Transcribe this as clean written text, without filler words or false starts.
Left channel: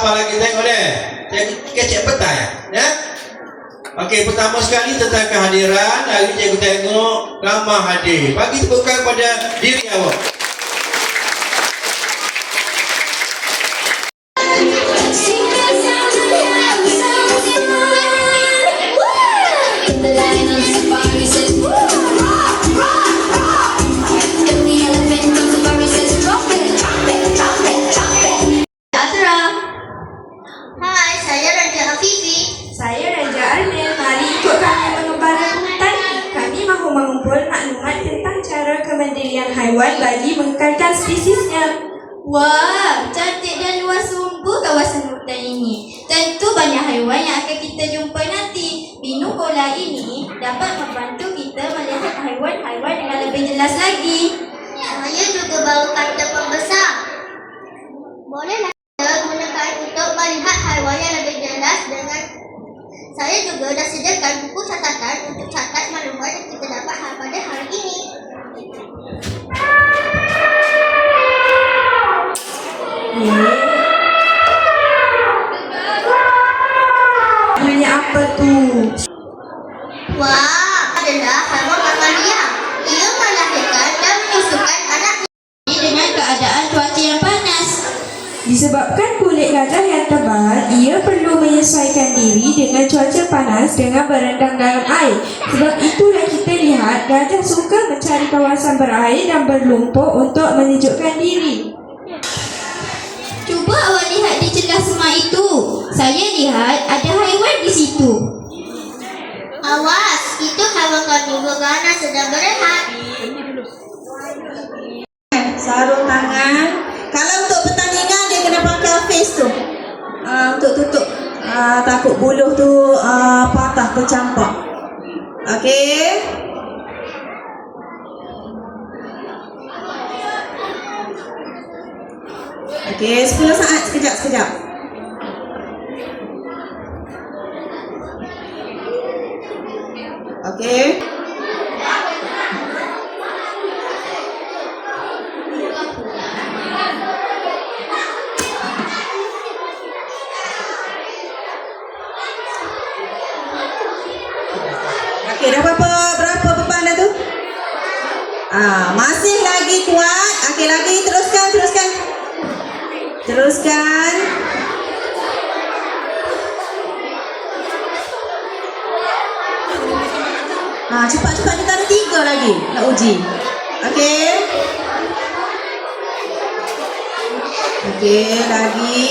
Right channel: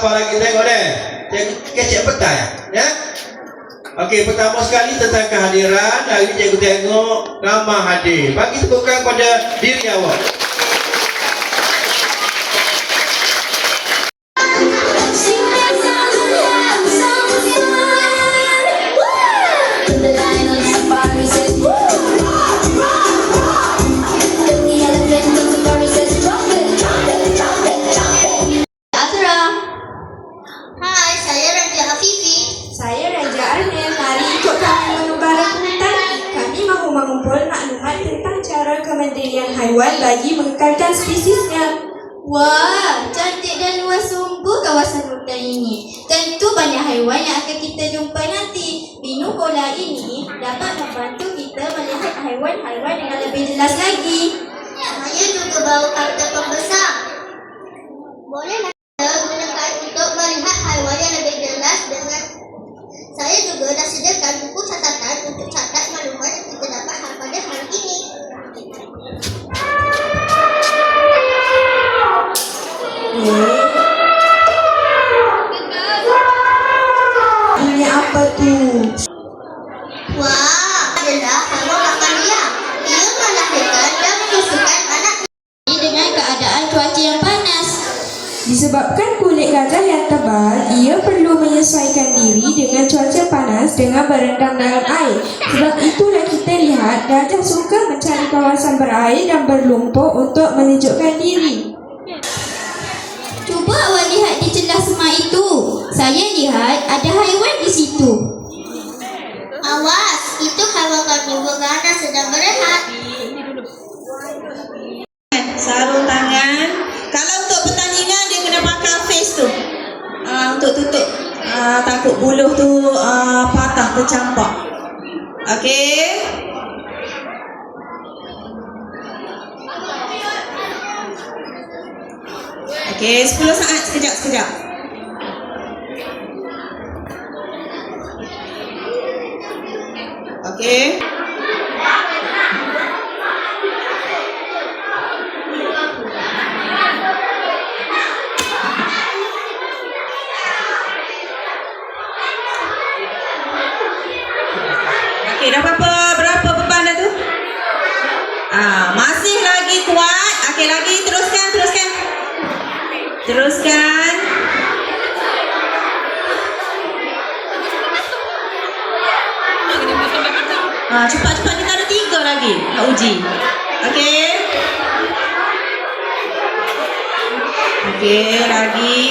apa lagi tengok deh. Kecek petang ya. Okey, pertama sekali tentang kehadiran. Hari ini cikgu tengok ramah hadir. Bagi tepukan pada diri awak. Saya Raja Arnil. Mari ikut kami mengembara ke hutan. Kami mahu mengumpul maklumat tentang cara kemandirian haiwan bagi mengekalkan spesiesnya. Wah, cantik dan luas sungguh kawasan hutan ini. Tentu banyak haiwan yang akan kita jumpa nanti. Binu bola ini dapat membantu kita melihat haiwan-haiwan dengan lebih jelas lagi. Saya juga bawa kartu pembesar. Boleh kita gunakan untuk melihat haiwan yang lebih jelas dengan. Saya juga dah sediakan buku catatan untuk catat maklumat yang kita dapat pada hari ini. Hanya apa tu? Wah, adalah haiwan makan liar. Ia melahirkan dan menyusukan anak ini dengan keadaan cuaca yang panas. Disebabkan kulit gajah yang tebal, ia perlu menyesuaikan diri dengan cuaca panas dengan berendam dalam air. Sebab itulah kita lihat gajah suka mencari kawasan berair dan berlumpur untuk menyejukkan diri. Cuba awak lihat di celah semak itu. Saya lihat ada haiwan di situ. Awas, itu haiwan karnivora kerana sedang berehat. Sarung tangan. Kalau untuk pertandingan dia kena pakai face tu. Untuk tutup takut buluh tu patah tercampak. Okey. Okey, 10 saat sekejap. Okey. Okey, dah berapa beban dah tu? Masih lagi kuat. Okey, lagi teruskan. Cepat-cepat kita ada 3 lagi nak uji. Okey. Okey, lagi.